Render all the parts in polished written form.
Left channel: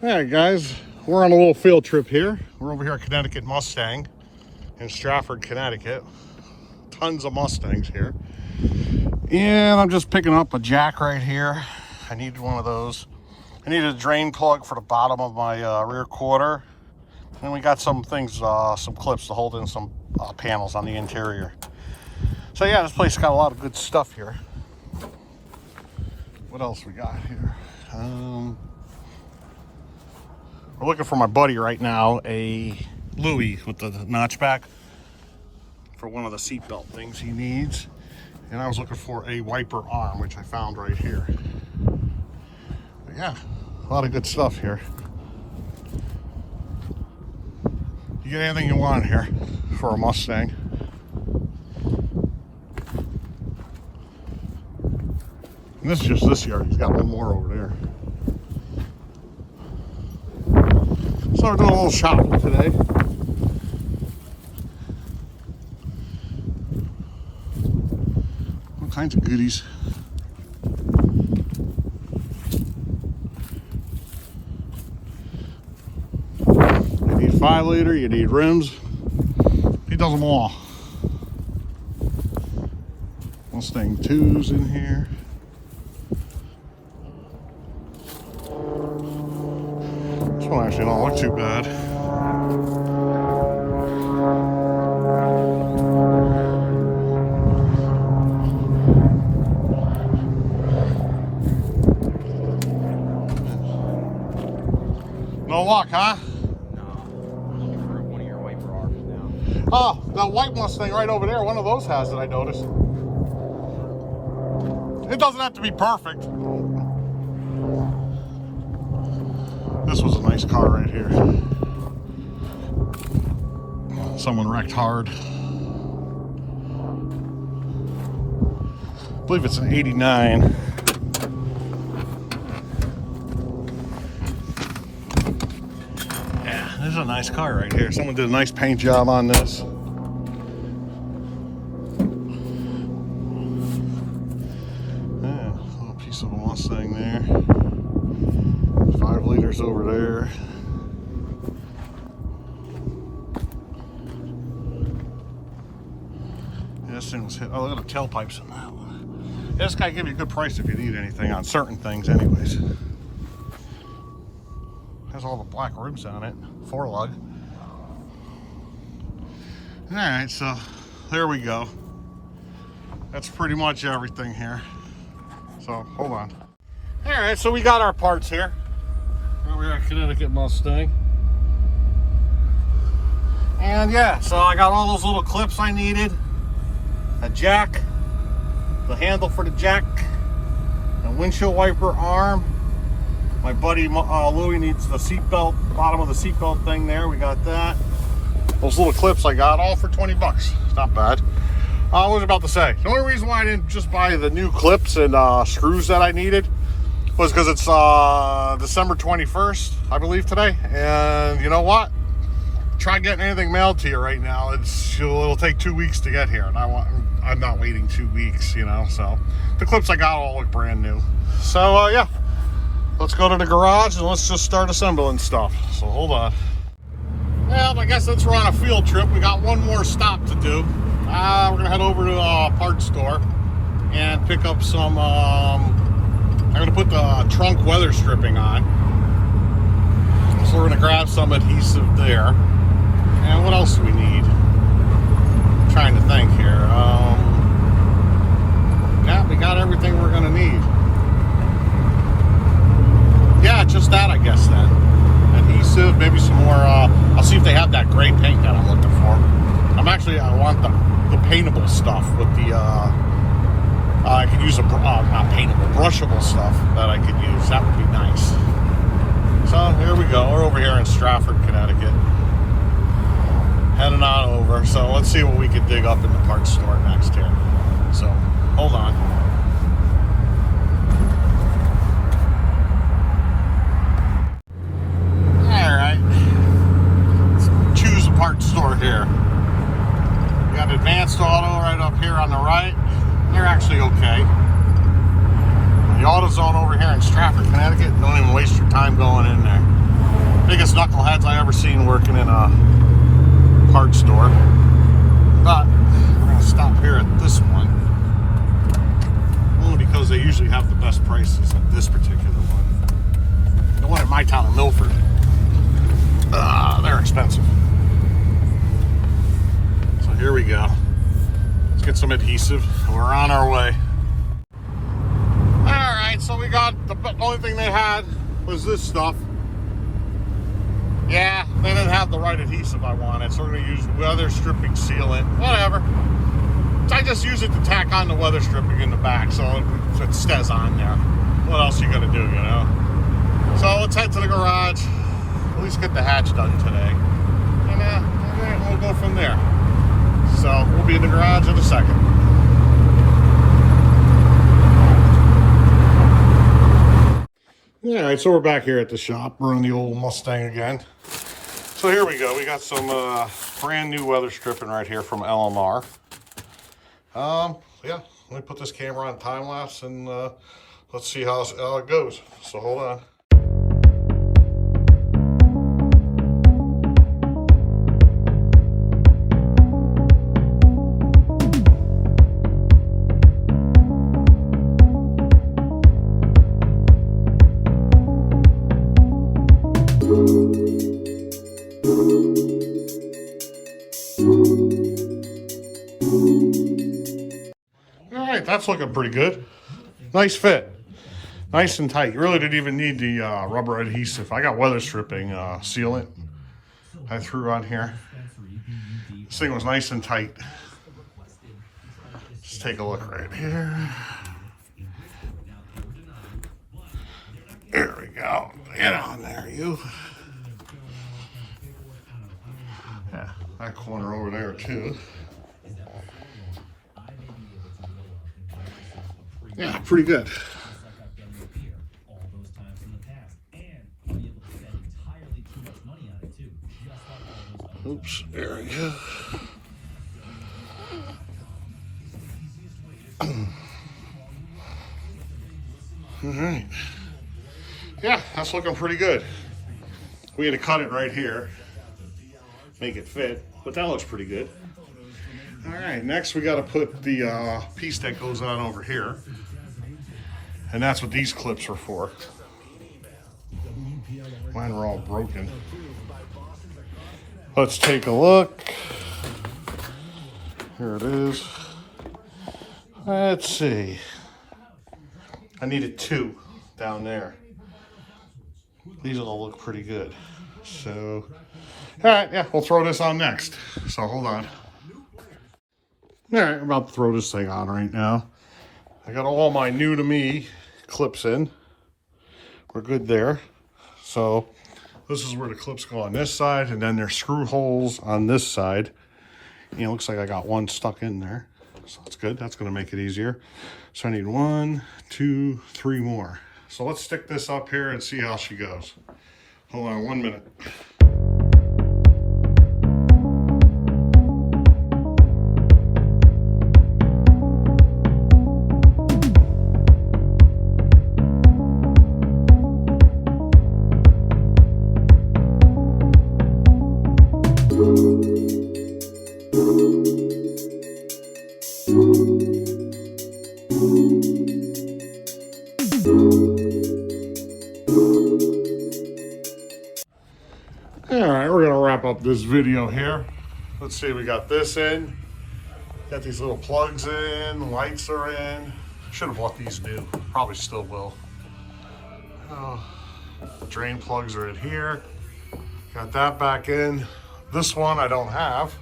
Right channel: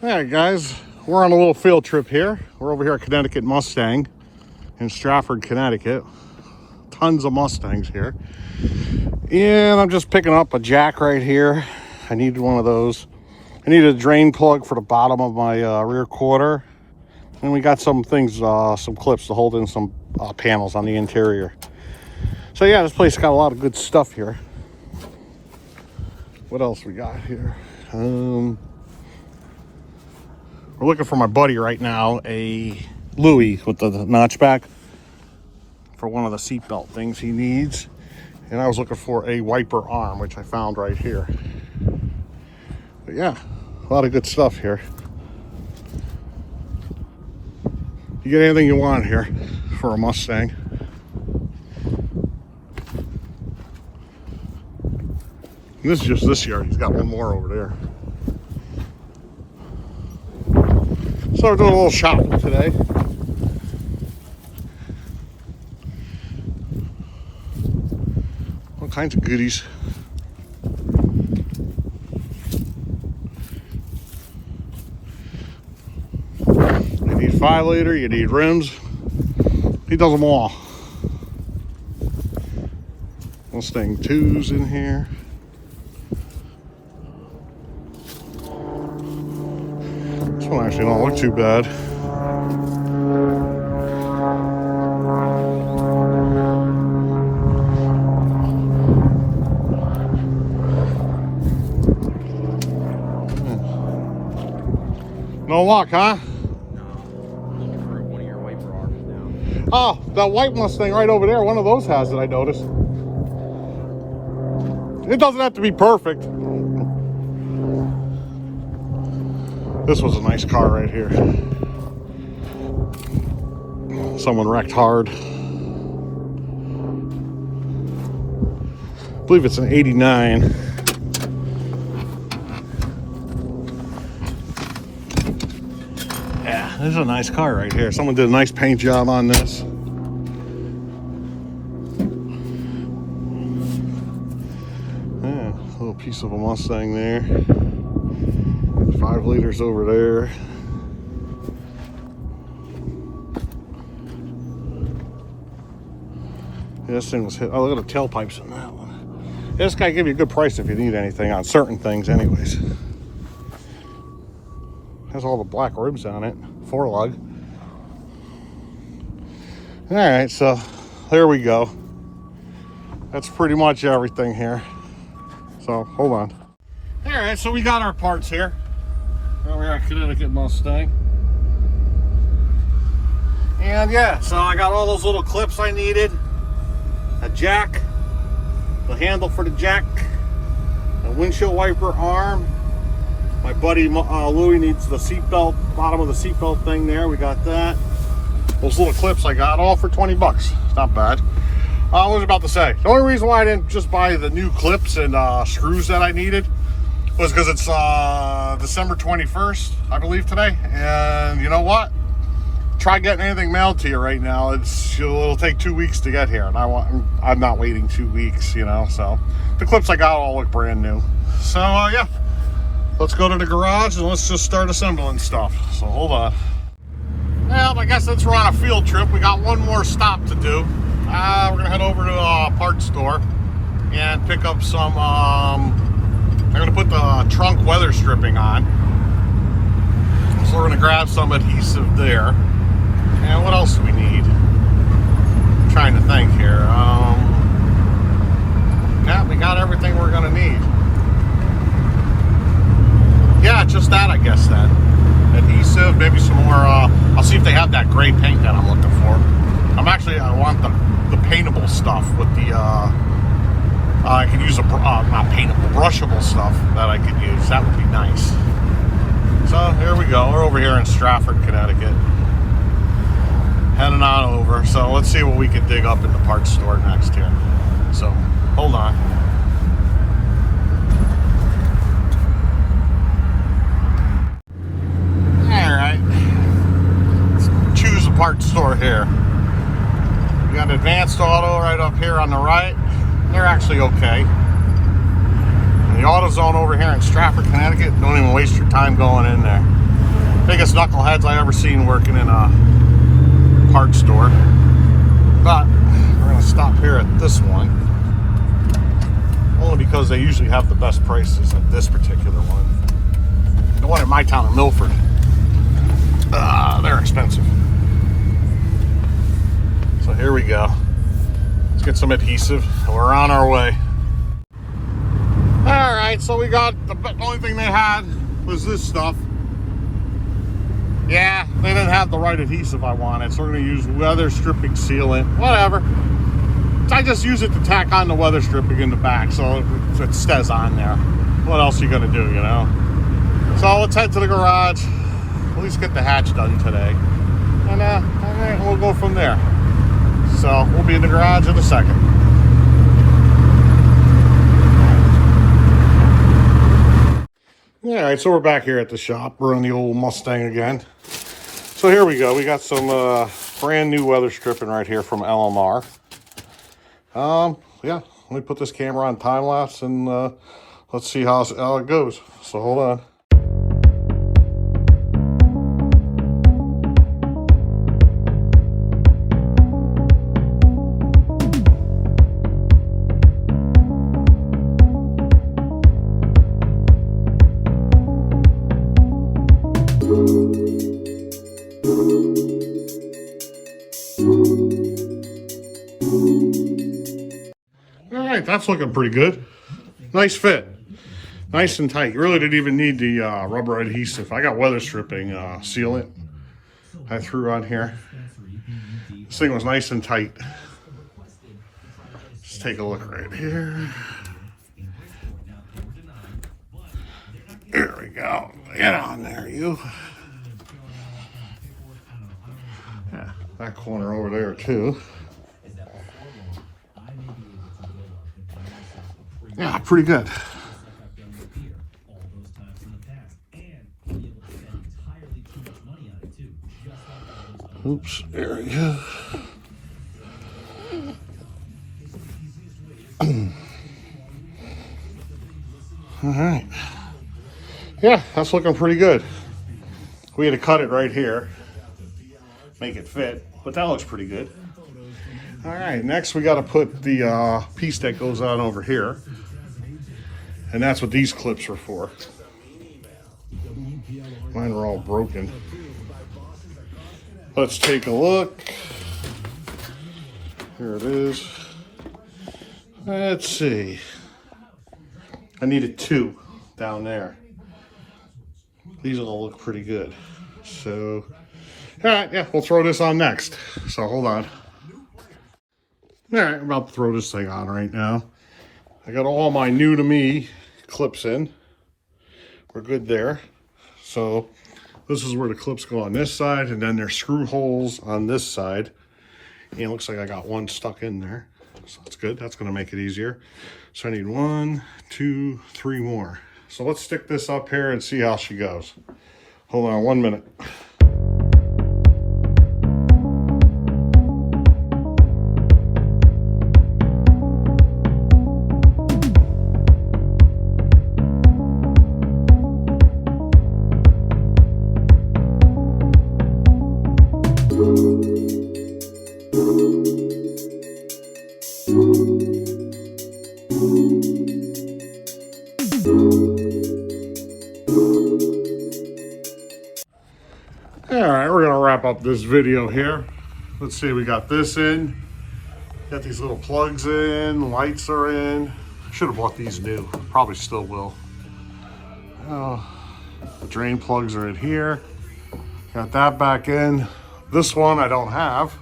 All right, guys, we're on a little field trip here. We're over here at Connecticut Mustang in Stratford, Connecticut. Tons of Mustangs here. And I'm just picking up a jack right here. I needed one of those. I needed a drain plug for the bottom of my rear quarter. And we got some things, some clips to hold in some panels on the interior. So yeah, this place got a lot of good stuff here. What else we got here? We're looking for my buddy right now, a Louis with the notchback for one of the seatbelt things he needs. And I was looking for a wiper arm, which I found right here. But yeah, a lot of good stuff here. You get anything you want here for a Mustang. And this is just this yard. He's got one more over there. So we're doing a little shopping today. All kinds of goodies. You need 5 liter, you need rims. He does them all. Mustang 2s in here. This one actually don't look too bad. No luck, huh? One of your wiper arms now. Oh, that white Mustang right over there, one of those has it, I noticed. It doesn't have to be perfect. This was a nice car right here. Someone wrecked hard. I believe it's an 89. Yeah, this is a nice car right here. Someone did a nice paint job on this. Yeah, a little piece of a Mustang there. 5 liters over there. Yeah, this thing was hit. Oh, look at the tailpipes in that one. Yeah, this guy give you a good price if you need anything on certain things anyways. Has all the black ribs on it. 4-lug. All right, so there we go. That's pretty much everything here. So hold on. All right, so we got our parts here. We're at Connecticut Mustang. And yeah, so I got all those little clips I needed. A jack, the handle for the jack, a windshield wiper arm. My buddy Louis needs the seatbelt, bottom of the seatbelt thing there. We got that. Those little clips I got, all for 20 bucks. Not bad. What was I about to say? The only reason why I didn't just buy the new clips and screws that I needed was because it's December 21st, I believe, today. And you know what? Try getting anything mailed to you right now. It'll take 2 weeks to get here, and I'm not waiting 2 weeks, you know. So the clips I got all look brand new. So yeah, let's go to the garage and let's just start assembling stuff. So hold on. Well, I guess since we're on a field trip, we got one more stop to do. We're gonna head over to the parts store and pick up some. I'm gonna put the trunk weather stripping on. So we're gonna grab some adhesive there. And what else do we need? I'm trying to think here. Yeah, we got everything we're gonna need. Yeah, just that, I guess then. Adhesive, maybe some more. I'll see if they have that gray paint that I'm looking for. I want the paintable stuff with the. I could use not paintable, brushable stuff that I could use. That would be nice. So here we go. We're over here in Stratford, Connecticut. Heading on over. So let's see what we can dig up in the parts store next here. So hold on. All right. Let's choose a parts store here. We got Advanced Auto right up here on the right. They're actually okay. And the auto AutoZone over here in Stratford, Connecticut. Don't even waste your time going in there. Biggest knuckleheads I ever seen working in a parts store. But we're gonna stop here at this one. Only because they usually have the best prices at this particular one. The one in my town of Milford. They're expensive. So here we go. Let's get some adhesive. We're on our way. Alright, so we got the only thing they had was this stuff. Yeah, they didn't have the right adhesive I wanted, so we're going to use weather stripping sealant. Whatever. So I just use it to tack on the weather stripping in the back so it stays on there. What else are you going to do, you know? So let's head to the garage. At least get the hatch done today. And we'll go from there. So we'll be in the garage in a second. All right, so we're back here at the shop. We're on the old Mustang again. So here we go. We got some brand new weather stripping right here from LMR. Yeah, let me put this camera on time lapse and let's see how it goes. So hold on. All right, that's looking pretty good. Nice fit. Nice and tight. You really didn't even need the rubber adhesive. I got weather stripping sealant I threw on here. This thing was nice and tight. Let's take a look right here. There we go. Get on there, you. Yeah, that corner over there too. Yeah, pretty good. Oops, there we go. All right. Yeah, that's looking pretty good. We had to cut it right here, make it fit, but that looks pretty good. All right, next we got to put the piece that goes on over here. And that's what these clips are for. Mine are all broken. Let's take a look. Here it is. Let's see. I needed 2 down there. These all look pretty good. So, all right, yeah, we'll throw this on next. So hold on. All right, I'm about to throw this thing on right now. I got all my new to me clips in. We're good there. So this is where the clips go on this side, and then there's screw holes on this side. You know, looks like I got one stuck in there. So that's good. That's going to make it easier. So I need 1, 2, 3 more. So let's stick this up here and see how she goes. Hold on 1 minute. All right, we're gonna wrap up this video here. Let's see, we got this in. Got these little plugs in, lights are in. Should have bought these new, probably still will. Oh, the drain plugs are in here. Got that back in. This one I don't have.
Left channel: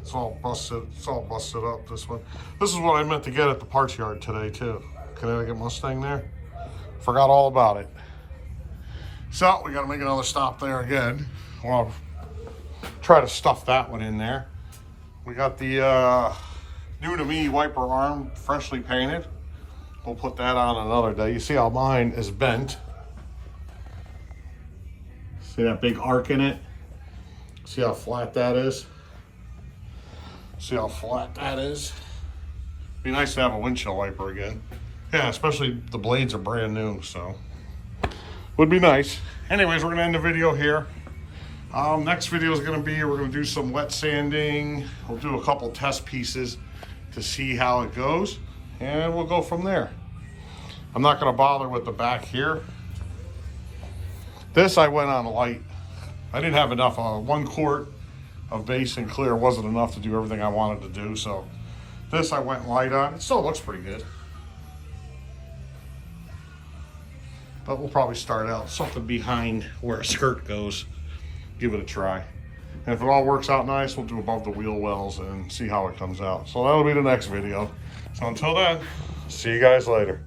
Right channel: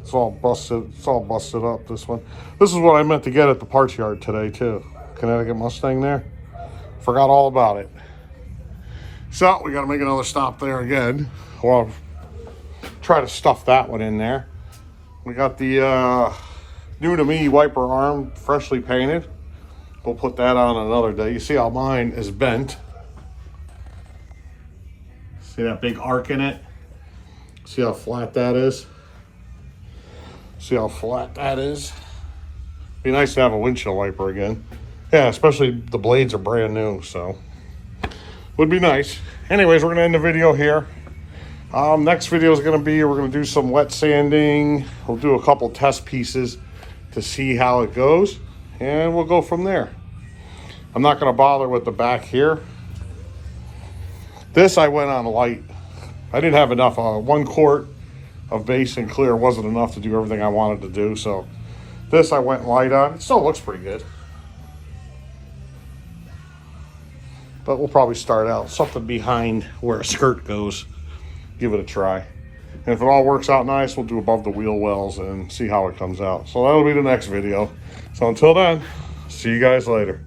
It's all busted up, this one. This is what I meant to get at the parts yard today too. Connecticut Mustang there. Forgot all about it. So we got to make another stop there again. Well, try to stuff that one in there. We got the new to me wiper arm freshly painted. We'll put that on another day. You see how mine is bent. See that big arc in it? See how flat that is? See how flat that is? Be nice to have a windshield wiper again. Yeah, especially the blades are brand new, so would be nice. Anyways, we're gonna end the video here. Next video is gonna be, we're gonna do some wet sanding. We'll do a couple test pieces to see how it goes, and we'll go from there. I'm not gonna bother with the back here. This I went on light. I didn't have enough. 1 quart of base and clear wasn't enough to do everything I wanted to do, so this I went light on. It still looks pretty good. But we'll probably start out something behind where a skirt goes. Give it a try. And if it all works out nice, we'll do above the wheel wells and see how it comes out. So that'll be the next video. So until then, see you guys later.